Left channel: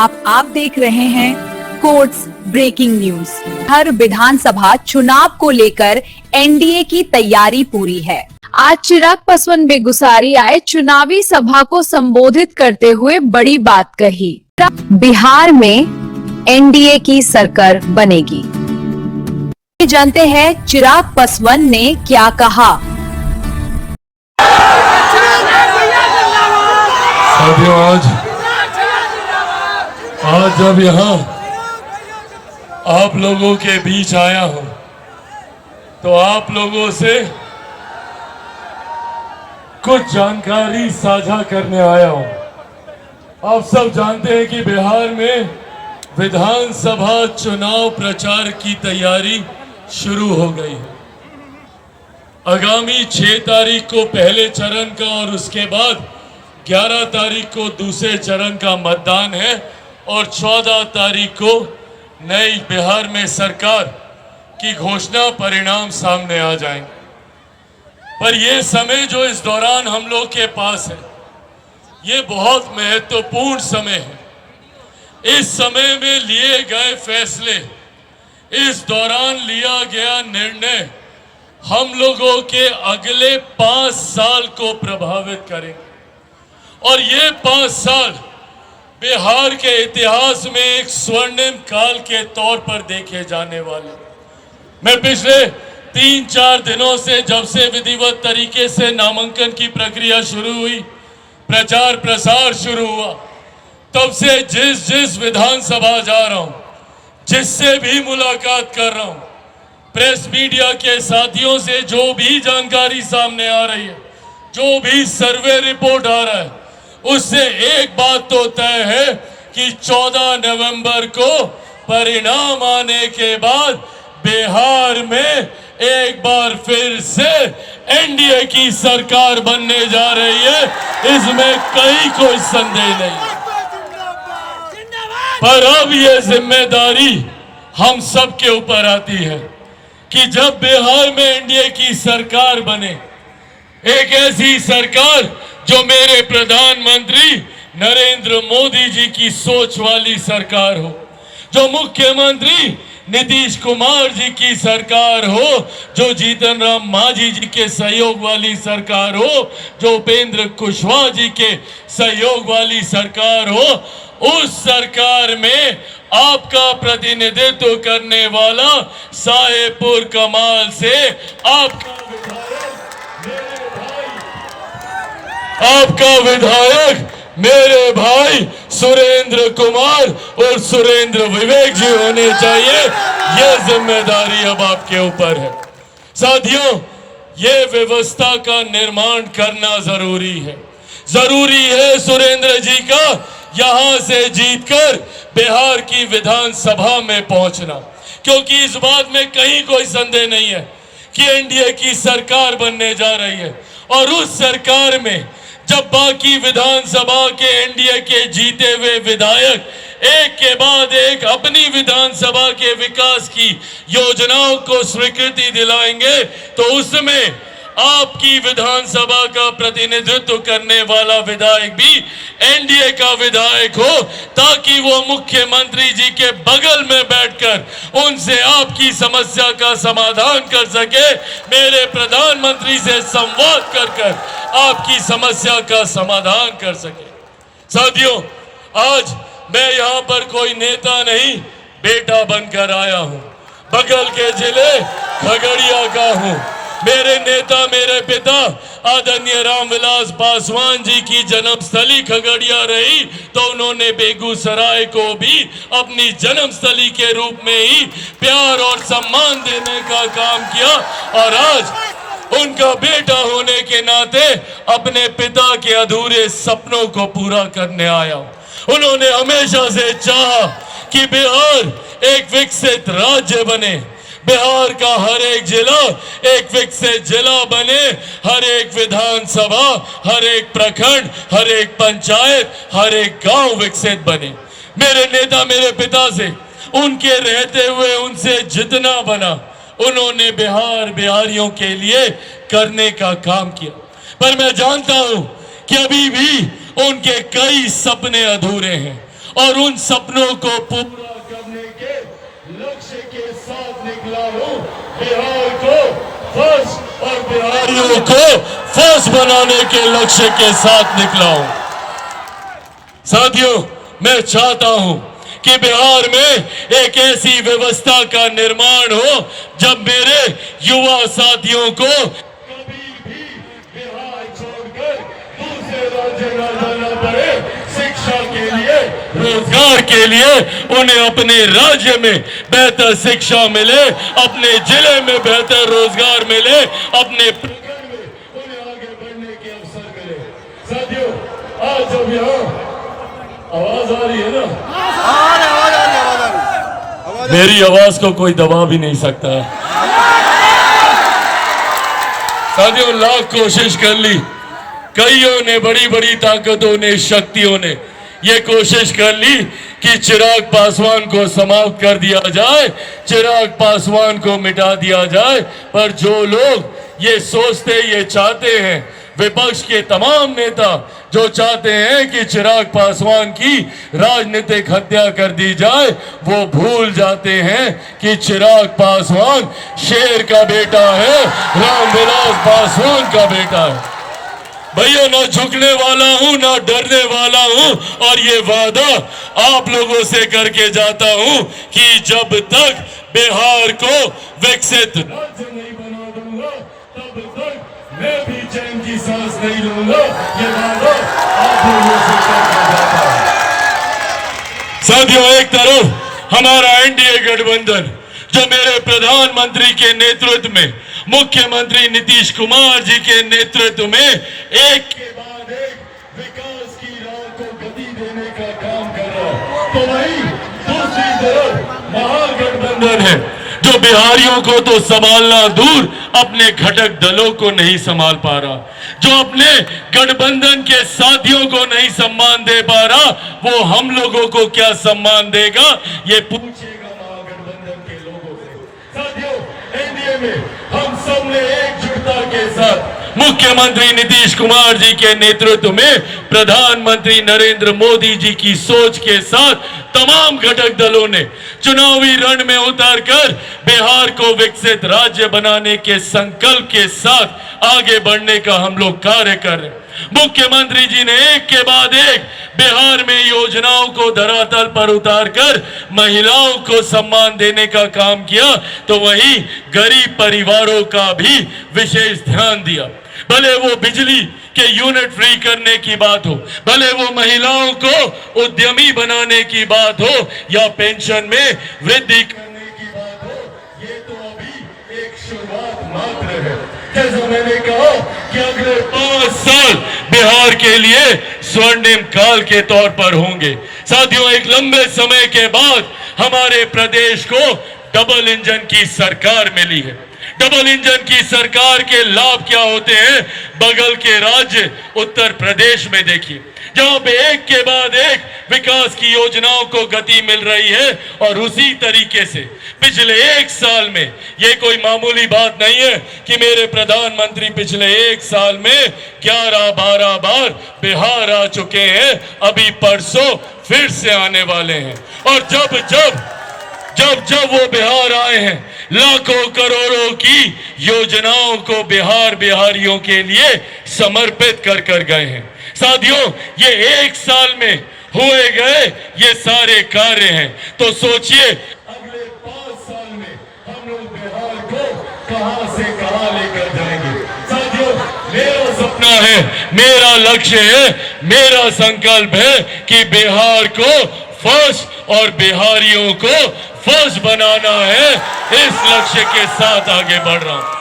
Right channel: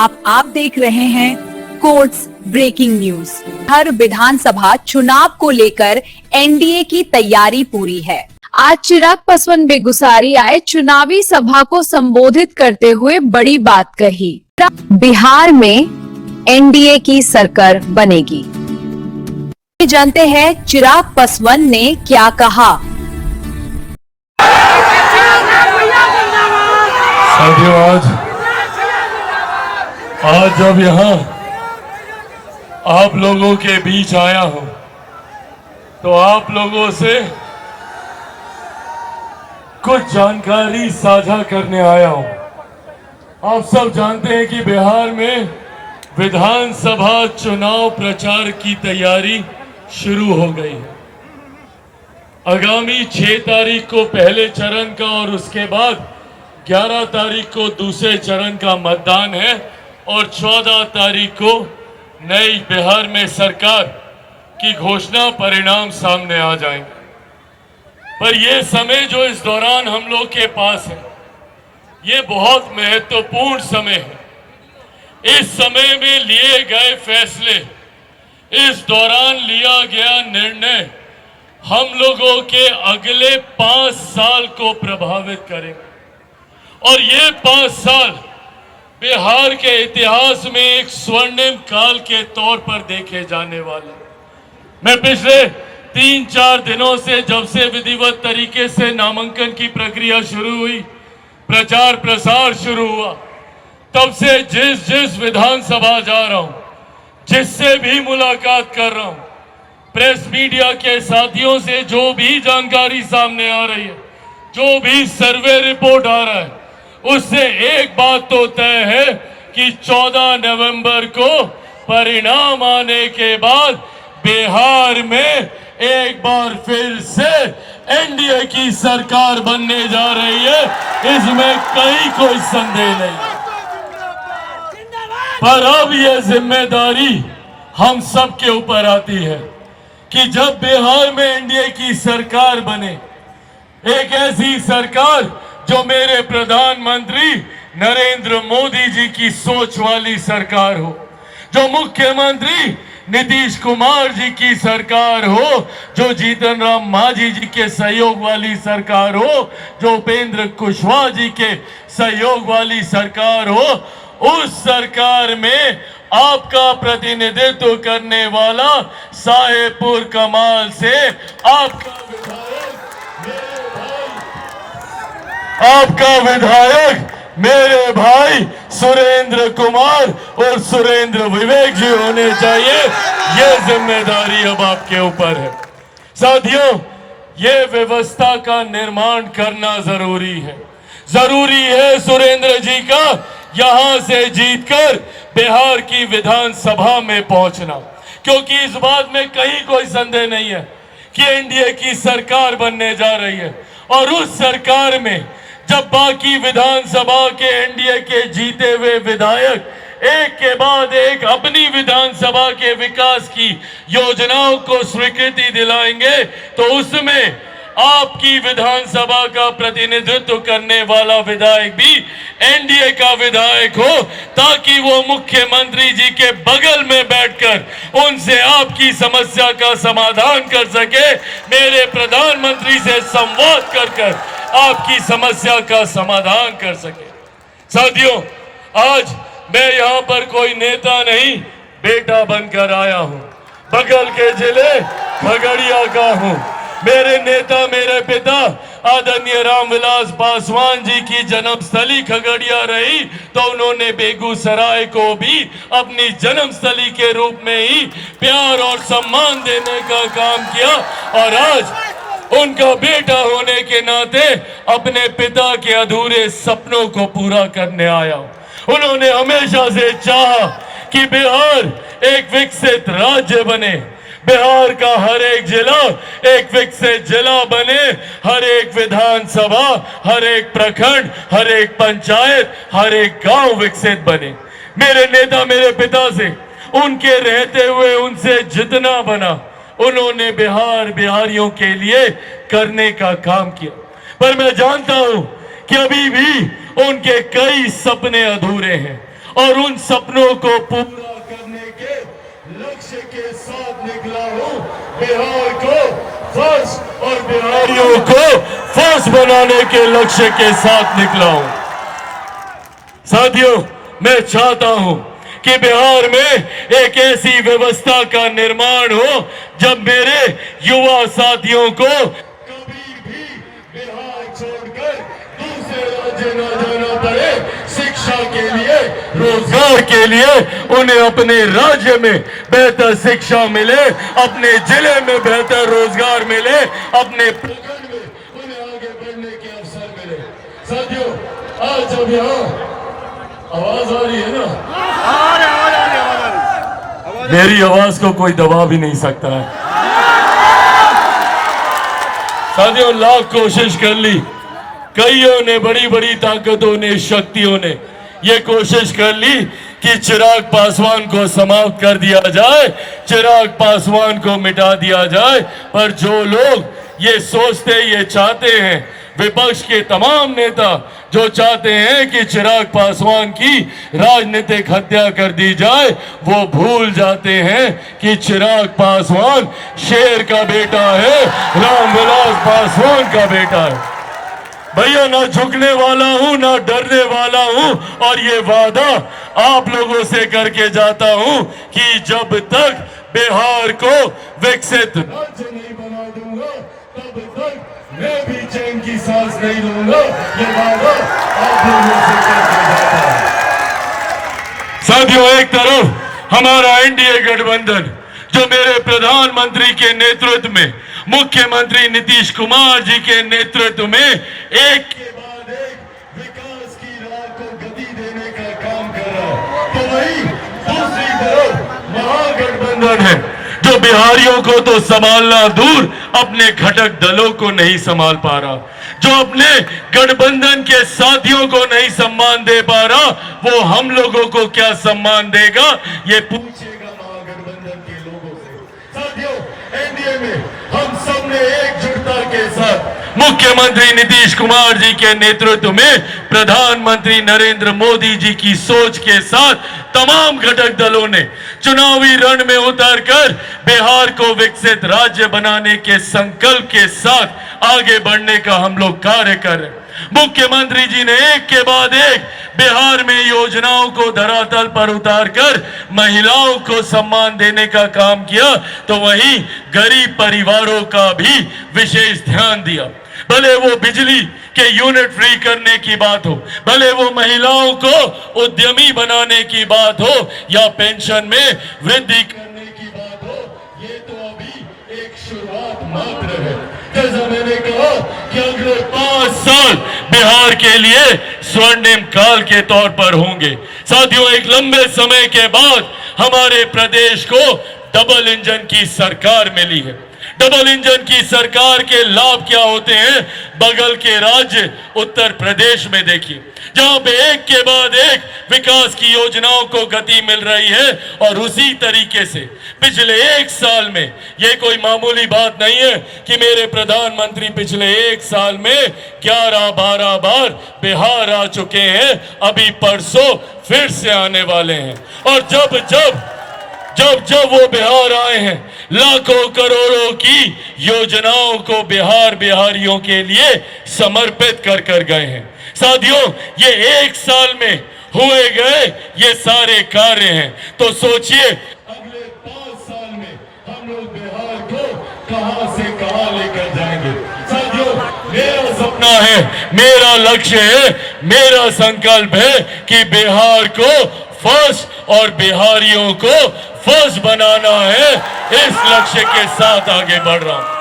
आप देख रहे हैं कोर्ट्स ब्रेकिंग न्यूज। हर विधानसभा चुनाव को लेकर एनडीए की तैयारी पूरी है। आज चिराग पासवान बेगूसराय आए, चुनावी सभा को संबोधित करते हुए बड़ी बात कही। बिहार में एनडीए की सरकार बनेगी। जानते हैं चिराग पासवान ने क्या कहा। आज जब यहाँ आप लोगों के बीच आया हूं तो आप लोगों से कुछ जानकारी साझा करने आया हूं। आप सब जानते हैं कि बिहार में विधानसभा चुनाव प्रचार की तैयारी शुरू हो गई है। आगामी 6 तारीख को पहले चरण का और उसके बाद 11 तारीख को दूसरे चरण का मतदान है और 14 तारीख को नई बिहार में सरकार की घोषणा परिणाम सामने आ जाएंगे। पर यह समय जो इस दौरान हम लोग के पास है, ये बहुत महत्वपूर्ण समय है। इस समय में लिए गए फैसले, इस दौरान लिया गया निर्णय हम लोगों के अगले 5 साल को प्रभावित करेंगे और ये 5 साल बिहार के इतिहास में एक स्वर्णिम काल के तौर पर देखे जाने वाले। मैं पिछले 3-4 दिनों से, जब से विधिवत तरीके से नामांकन की प्रक्रिया शुरू हुई, प्रचार प्रसार शुरू हुआ, तब से जिस विधानसभा जा रहा हूं, जिससे भी मुलाकात कर रहा हूं, प्रेस मीडिया के साथियों से जो भी जानकारी सामने आ रही है, जो भी सर्वे रिपोर्ट आ रहा है, उससे एक बात तो तय है कि 14 नवंबर को परिणाम आने के बाद बिहार में एक बार फिर से एनडीए की सरकार बनने जा रही है। इसमें कोई संदेह नहीं। पर अब यह जिम्मेदारी हम सब के ऊपर आती है कि जब बिहार में एनडीए की सरकार बने, एक ऐसी सरकार जो मेरे प्रधानमंत्री नरेंद्र मोदी जी की सोच वाली सरकार हो, जो मुख्यमंत्री नीतीश कुमार जी की सरकार हो, जो जीतन राम मांझी जी के सहयोग वाली सरकार हो, जो उपेंद्र कुशवाहा जी के सहयोग वाली सरकार हो, उस सरकार में आपका प्रतिनिधित्व करने वाला साहेबपुर कमाल से आपका विधायक मेरे भाई सुरेंद्र कुमार और सुरेंद्र विवेक जी होने चाहिए। यह जिम्मेदारी अब आपके ऊपर है। साथियों, यह व्यवस्था का निर्माण करना जरूरी है। जरूरी है सुरेंद्र जी का यहां से जीतकर बिहार की विधानसभा में पहुंचना, क्योंकि इस बात में कहीं कोई संदेह नहीं है कि एनडीए की सरकार बनने जा रही है और उस सरकार में जब बाकी विधानसभा के एनडीए के जीते हुए विधायक एक के बाद एक अपनी विधानसभा के विकास की योजनाओं को स्वीकृति दिलाएंगे, तो उसमें आपकी विधानसभा का प्रतिनिधित्व करने वाला विधायक भी एनडीए का विधायक हो, ताकि वो मुख्यमंत्री जी के बगल में बैठकर उनसे आपकी समस्या का समाधान कर सके, मेरे प्रधानमंत्री से संवाद कर आपकी समस्या का समाधान कर सके। साथियों, आज मैं यहाँ पर कोई नेता नहीं, बेटा बनकर आया हूँ। बगल के जिले खगड़िया का हूँ। मेरे नेता, मेरे पिता आदरणीय रामविलास पासवान जी की जन्मस्थली खगड़िया रही, तो उन्होंने बेगूसराय को भी अपनी जन्मस्थली के रूप में ही प्यार और सम्मान देने का काम किया और आज उनका बेटा होने के नाते अपने पिता के अधूरे सपनों को पूरा करने आया। उन्होंने हमेशा से चाहा कि बिहार एक विकसित राज्य बने, बिहार का हर एक जिला एक विकसित जिला बने, हर एक विधानसभा, हर एक प्रखंड, हर एक पंचायत, हर एक गांव विकसित बने। मेरे नेता, मेरे पिता से उनके रहते हुए उनसे जितना बना, उन्होंने बिहारियों के लिए करने का काम किया। पर मैं जानता हूं कि अभी भी उनके कई सपने अधूरे हैं और उन सपनों को पूरा करने के लक्ष्य के साथ निकला हूं। बिहार को फर्स्ट और बिहारियों को फर्स्ट बनाने के लक्ष्य के साथ निकला हूं। साथियों, मैं चाहता हूं कि बिहार में एक ऐसी व्यवस्था का निर्माण हो जब मेरे युवा साथियों को कभी भी बिहार छोड़कर दूसरे राज्य न जाना पड़े। शिक्षा के लिए, रोजगार के लिए उन्हें अपने राज्य में बेहतर शिक्षा मिले, अपने जिले में बेहतर रोजगार मिले, अपने प्रखंड में उन्हें आगे बढ़ने के अवसर मिले। साथियों, आज जब यहाँ आवाज आ रही है ना, मेरी आवाज को कोई दबा भी नहीं सकता है। साथियों, लाख कोशिश कर ली, कईयों ने, बड़ी बड़ी ताकतों ने, शक्तियों ने ये कोशिश कर ली कि चिराग पासवान को समाप्त कर दिया जाए, चिराग पासवान को मिटा दिया जाए। पर जो लोग ये सोचते, ये चाहते हैं, विपक्ष के तमाम नेता जो चाहते हैं कि चिराग पासवान की राजनीतिक हत्या कर दी जाए, वो भूल जाते हैं कि चिराग पासवान शेर का बेटा है, रामविलास पासवान का बेटा है। भैया, ना झुकने वाला हूं, ना डरने वाला हूं, और ये वादा आप लोगों से करके जाता हूं कि जब तक बिहार को विकसित राज्य नहीं बना दूंगा, तब तक मैं भी जंग की सांस नहीं लूंगा। ये वादा आप लोगों से करके जाता हूं। साथियों, एक तरफ हमारा एनडीए गठबंधन जो मेरे प्रधानमंत्री के नेतृत्व में, मुख्यमंत्री नीतीश कुमार जी के नेतृत्व में एक के बाद एक विकास की राह को गति देने का काम कर रहा है, तो वहीं दूसरी तरफ महागठबंधन है जो बिहारियों को तो संभालना दूर, अपने घटक दलों को नहीं संभाल पा रहा, जो अपने गठबंधन के साथियों को नहीं सम्मान दे पा रहा, वो हम लोगों को क्या सम्मान देगा, ये पूछेगा महागठबंधन के लोगों से। साथियों, एनडीए में हम सब ने एकजुटता के साथ मुख्यमंत्री नीतीश कुमार जी के नेतृत्व में, प्रधानमंत्री नरेंद्र मोदी जी की सोच के साथ तमाम घटक दलों ने चुनावी रण में उतरकर बिहार को विकसित राज्य बनाने के संकल्प के साथ आगे बढ़ने का हम लोग कार्य कर रहे हैं। मुख्यमंत्री जी ने एक के बाद एक बिहार में योजनाओं को धरातल पर उतारकर महिलाओं को सम्मान देने का काम किया, तो वहीं गरीब परिवारों का भी विशेष ध्यान दिया। भले वो बिजली के यूनिट फ्री करने की बात हो, भले वो महिलाओं को उद्यमी बनाने की बात हो, या पेंशन में वृद्धि करने की बात हो, ये तो अभी एक शुरुआत मात्र है। जैसा मैंने कहा कि अगले 5 साल बिहार के लिए स्वर्णिम काल के तौर पर होंगे। साथियों, एक लंबे समय के बाद हमारे प्रदेश को डबल इंजन की सरकार मिली है। डबल इंजन की सरकार के लाभ क्या होते हैं, बगल के राज्य उत्तर प्रदेश में देखिए, जहां पे एक के बाद एक विकास की योजनाओं को गति मिल रही है। और उसी तरीके से पिछले 1 साल में, ये कोई मामूली बात नहीं है कि मेरे प्रधानमंत्री पिछले 1 साल में 11-12 बार बिहार आ चुके हैं, अभी परसों फिर से आने वाले हैं। और जब वो बिहार आए हैं, लाखों करोड़ों की योजनाओं को बिहारियों के लिए समर्पित कर गए हैं। साथियों, ये 1 साल में हुए गए ये सारे कार्य हैं, तो सोचिए अगले 5 साल में हम लोग बिहार को कहां से कहां लेकर जाएंगे। साथियों, मेरा सपना है, मेरा लक्ष्य है, मेरा संकल्प है कि बिहार को फर्स्ट और बिहारियों को फर्स्ट बनाना है। इस लक्ष्य के साथ आगे बढ़ रहा हूं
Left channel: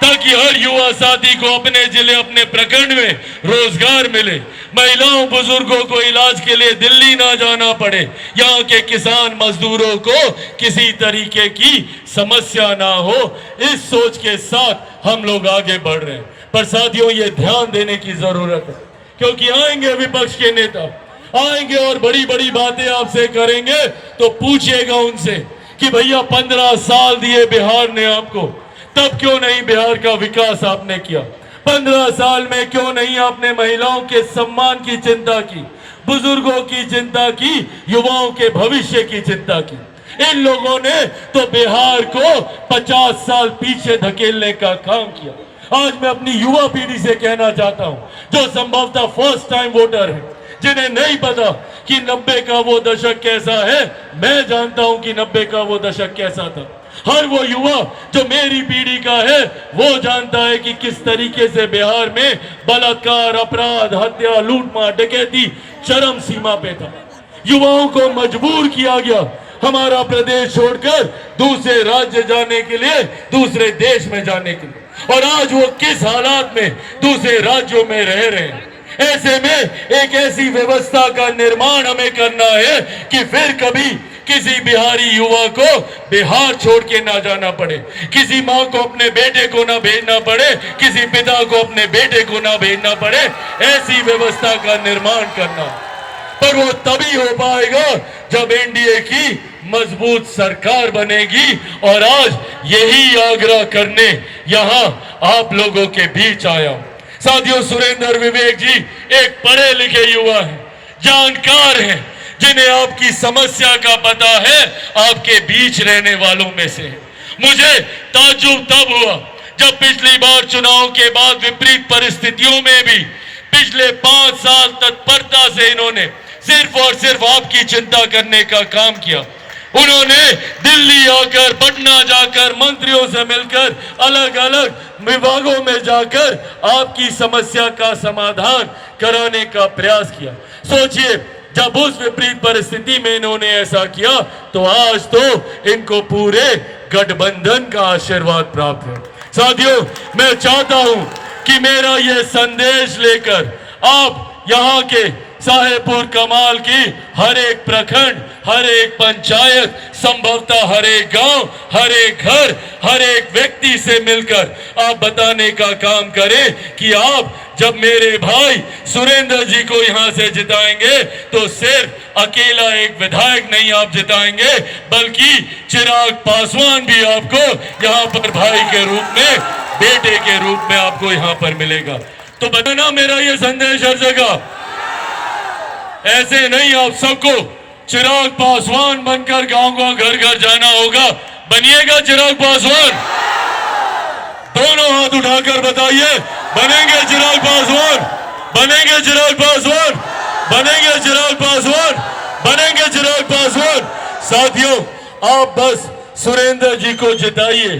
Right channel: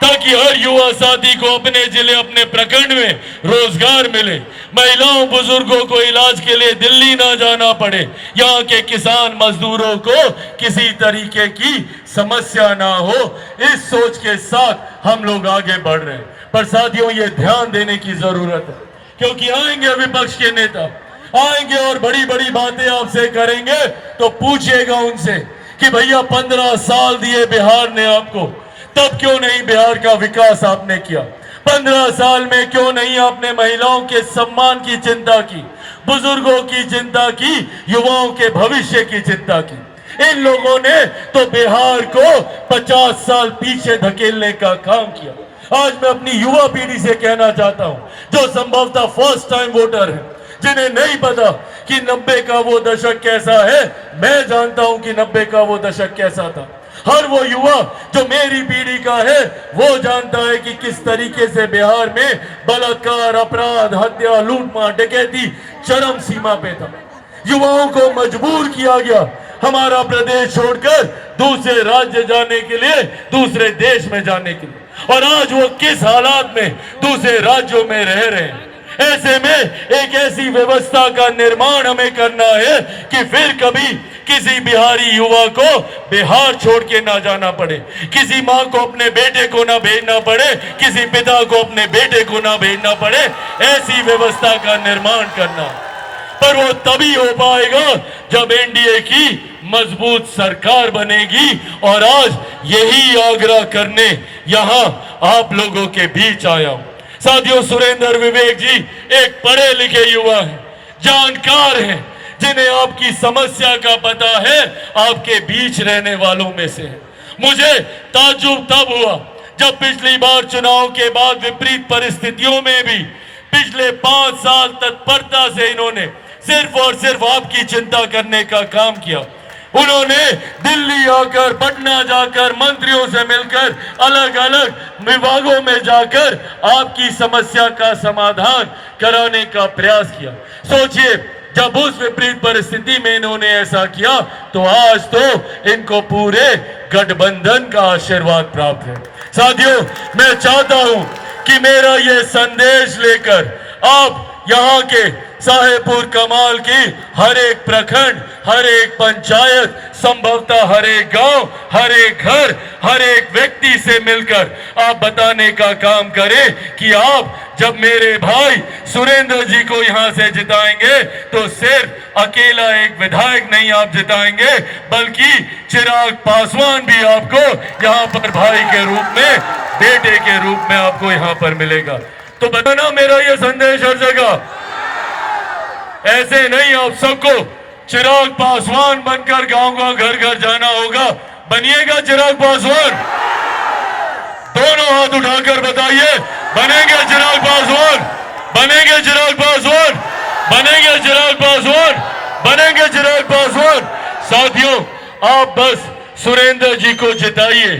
ताकि हर युवा साथी को अपने जिले, अपने प्रखंड में रोजगार मिले, महिलाओं बुजुर्गों को इलाज के लिए दिल्ली ना जाना पड़े, यहाँ के किसान मजदूरों को किसी तरीके की समस्या ना हो। इस सोच के साथ हम लोग आगे बढ़ रहे हैं। पर साथियों, ये ध्यान देने की जरूरत है, क्योंकि आएंगे विपक्ष के नेता, आएंगे और बड़ी बड़ी बातें आपसे करेंगे, तो पूछिएगा उनसे कि भैया 15 साल दिए बिहार ने आपको, तब क्यों नहीं बिहार का विकास आपने किया? 15 साल में क्यों नहीं आपने महिलाओं के सम्मान की चिंता की? बुजुर्गों की चिंता की, युवाओं के भविष्य की चिंता की। इन लोगों ने तो बिहार को 50 साल पीछे धकेलने का काम किया। आज मैं अपनी युवा पीढ़ी से कहना चाहता हूं, जो संभवतः फर्स्ट टाइम वोटर है, जिन्हें नहीं पता कि 90 का वो दशक कैसा है। मैं जानता हूं कि 90 का वो दशक कैसा था। हर वो युवा जो मेरी पीढ़ी का है वो जानता है कि किस तरीके से बिहार में बलात्कार, अपराध, हत्या, लूटमार, डकैती चरम सीमा पे था। युवाओं को मजबूर किया गया हमारा प्रदेश छोड़कर दूसरे राज्य जाने के लिए, दूसरे देश में जाने के लिए। और आज वो किस हालात में दूसरे राज्यों में रह रहे हैं। ऐसे में एक ऐसी व्यवस्था का निर्माण हमें करना है कि फिर कभी किसी बिहारी युवा को बिहार छोड़ के ना जाना पड़े, किसी माँ को अपने बेटे को ना भेजना पड़े, किसी पिता को अपने बेटे को ना भेजना पड़े। ऐसी व्यवस्था का निर्माण करना, पर वो तभी हो पाएगा जब एनडीए की मजबूत सरकार बनेगी। और आज यही आग्रह करने यहां आप लोगों के बीच आया हूं। साथियों, सुरेंद्र विवेक जी एक पढ़े लिखे युवा हैं, जानकार हैं, जिन्हें आपकी समस्या का पता है, आपके बीच रहने वालों में से है। मुझे ताज्जुब तब हुआ जब पिछली बार चुनाव के बाद विपरीत परिस्थितियों में भी पिछले 5 साल तत्परता से इन्होंने सिर्फ और सिर्फ आपकी चिंता करने का काम किया। उन्होंने दिल्ली आकर, पटना जाकर, मंत्रियों से मिलकर, अलग अलग विभागों में जाकर आपकी समस्या का समाधान कराने का प्रयास किया। सोचिए, जब उस विपरीत परिस्थिति में इन्होंने ऐसा किया तो आज तो इनको पूरे गठबंधन का आशीर्वाद प्राप्त है। साथियों, मैं चाहता हूं कि मेरा यह संदेश लेकर आप यहाँ के साहेबपुर कमाल की हर एक प्रखंड, हर एक पंचायत, संभवतः हर एक गांव, हर एक घर, हर एक व्यक्ति से मिलकर आप बताने का काम करें कि आप जब मेरे भाई सुरेंद्र जी को यहां से जिताएंगे तो सिर्फ अकेला एक विधायक नहीं आप जिताएंगे, बल्कि चिराग पासवान भी आपको यहां पर भाई के रूप में, बेटे के रूप में आपको यहां पर मिलेगा। तो बताना मेरा ये संदेश हर जगह, ऐसे नहीं आप सबको चिराग पासवान बनकर गांव गांव, घर घर जाना होगा। बनिएगा चिराग पासवान? दोनों हाथ उठाकर बताइए, बनेंगे चिराग पासवान? बनेंगे चिराग पासवान? बनेंगे चिराग पासवान? बनेंगे चिराग पासवान? साथियों, आप बस सुरेंद्र जी को जिताइए।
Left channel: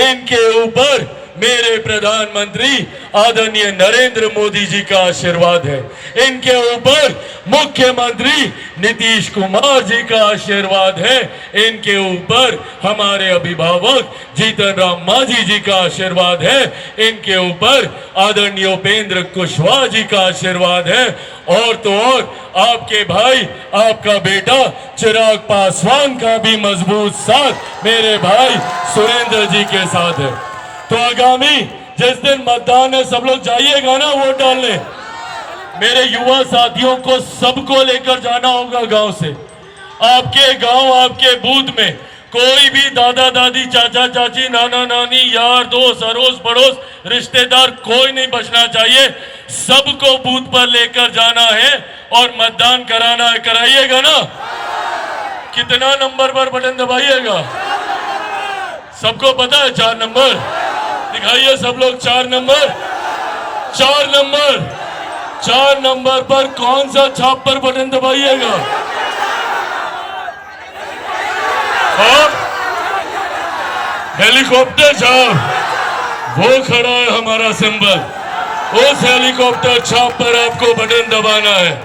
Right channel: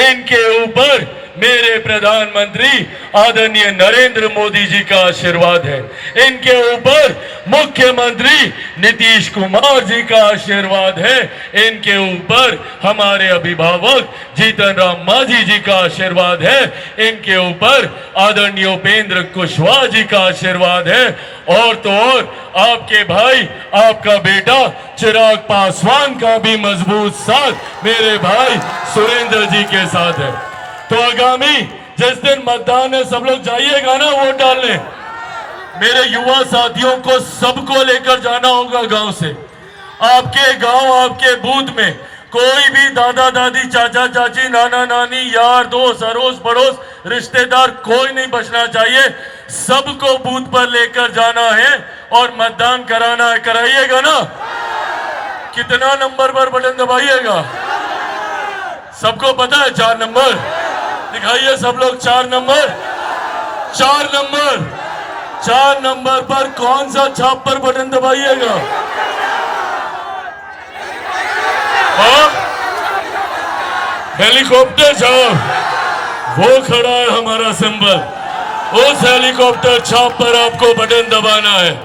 इनके ऊपर मेरे प्रधानमंत्री आदरणीय नरेंद्र मोदी जी का आशीर्वाद है। इनके ऊपर मुख्यमंत्री नीतीश कुमार जी का आशीर्वाद है। इनके ऊपर हमारे अभिभावक जीतन राम मांझी जी का आशीर्वाद है। इनके ऊपर आदरणीय उपेंद्र कुशवाहा जी का आशीर्वाद है। और तो और आपके भाई, आपका बेटा चिराग पासवान का भी मजबूत साथ मेरे भाई सुरेंद्र जी के साथ है। तो आगामी जिस दिन मतदान है, सब लोग जाइएगा ना वोट डालने। मेरे युवा साथियों को सबको लेकर जाना होगा गांव से। आपके गांव, आपके बूथ में कोई भी दादा दादी, चाचा चाची, नाना नानी, यार दोस्त, अड़ोस पड़ोस, रिश्तेदार कोई नहीं बचना चाहिए। सबको बूथ पर लेकर जाना है और मतदान कराना है। कराइएगा ना? कितना नंबर पर बटन दबाइएगा? सबको पता है 4 नंबर? दिखाइए सब लोग 4 नंबर। 4 नंबर, 4 नंबर पर कौन सा छाप पर बटन दबाइएगा? और हेलीकॉप्टर साहब, वो खड़ा है हमारा सिंबल, उस हेलीकॉप्टर छाप पर आपको बटन दबाना है।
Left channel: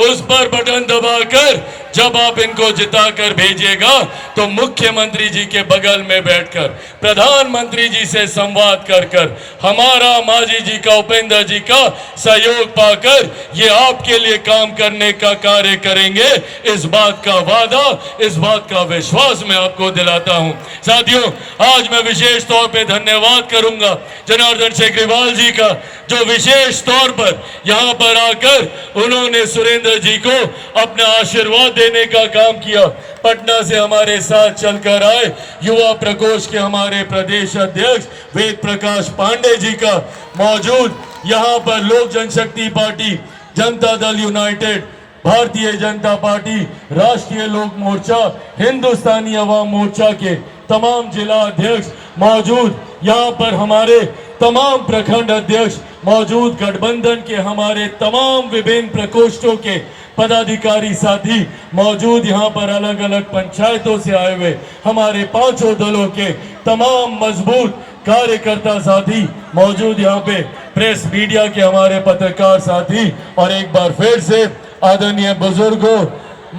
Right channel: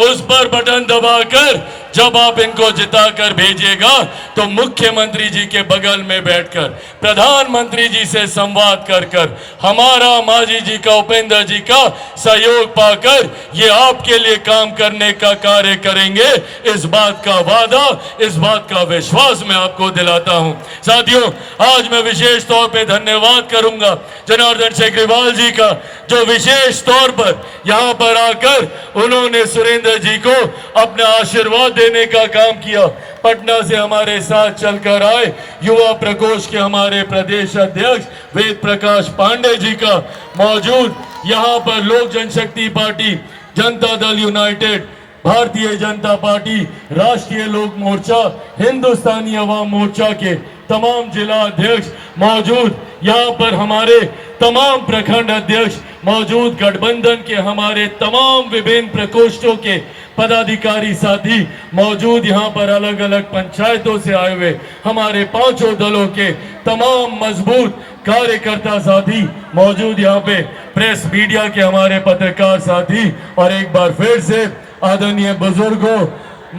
उस पर बटन दबाकर जब आप इनको जिताकर भेजिएगा तो मुख्यमंत्री जी के बगल में बैठकर प्रधानमंत्री जी से संवाद कर कर हमारा मांझी जी का, उपेंद्र जी का सहयोग पाकर ये आपके लिए काम करने का कार्य करेंगे। इस बात का वादा, इस बात का विश्वास मैं आपको दिलाता हूं। साथियों, आज मैं विशेष तौर पे धन्यवाद करूंगा जनार्दन सेगरीवाल जी का, जो विशेष तौर पर यहां पर आकर उन्होंने सुरेंद्र जी को अपना आशीर्वाद देने का काम किया। पटना से हमारे साथ चलकर आए युवा प्रकोष्ठ के हमारे प्रदेश अध्यक्ष वेद प्रकाश पांडे जी का मौजूद, यहाँ पर लोक जनशक्ति party, Janata Dal United, Bharatiya Janata party, राष्ट्रीय लोक मोर्चा, हिंदुस्तानी अवाम मोर्चा के तमाम जिला अध्यक्ष मौजूद, यहाँ पर हमारे तमाम प्रखंड अध्यक्ष मौजूद, गठबंधन के हमारे तमाम विभिन्न प्रकोष्ठों के पदाधिकारी साथी मौजूद, यहाँ पर अलग अलग पंचायतों से आए हुए हमारे पांचों दलों के तमाम मजबूत कार्यकर्ता साथी मौजूद, यहाँ पे प्रेस मीडिया के हमारे पत्रकार साथी, और एक बार फिर से आदरणीय बुजुर्गों,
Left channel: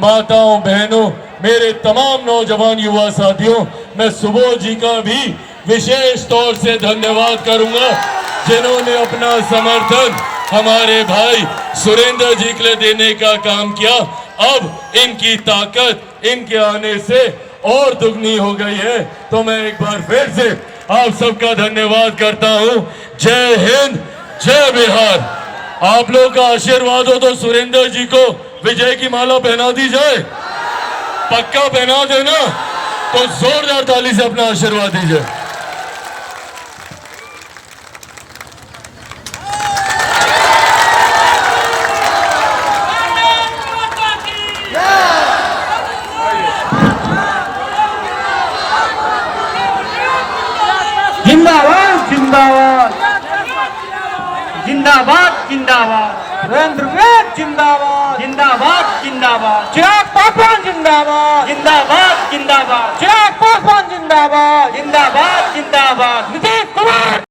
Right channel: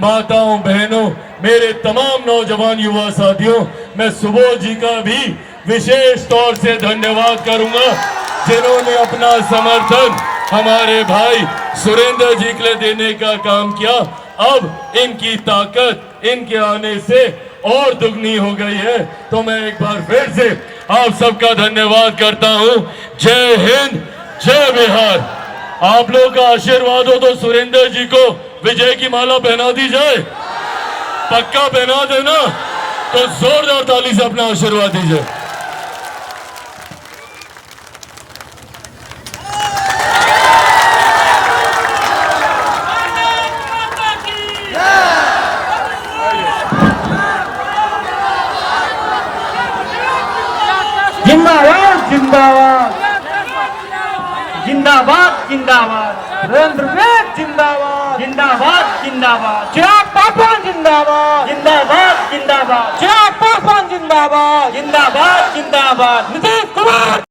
माताओं, बहनों, मेरे तमाम नौजवान युवा साथियों, मैं सुबोध जी का भी विशेष तौर से धन्यवाद करूंगा जिन्होंने अपना समर्थन हमारे भाई सुरेंद्र जी के लिए देने का काम किया। अब इनकी ताकत इनके आने से और दुगनी हो गई है, तो मैं एक बार फिर से आप सबका धन्यवाद करता हूं। जय हिंद, जय बिहार। आप लोग का आशीर्वाद हो तो सुरेंद्र जी को विजय की माला पहना दी जाए, पक्का पहना देना, तो जोरदार ताली से अपना आशीर्वाद दीजिए। जिंदाबाद जिंदाबाद जिंदाबाद जिंदाबाद सुरेंद्र विवेक जिंदाबाद जिंदाबाद जिंदाबाद चिराग पासवान जिंदाबाद जिंदाबाद जिंदाबाद चिराग पासवान जिंदाबाद जिंदाबाद जिंदाबाद नीतीश कुमार।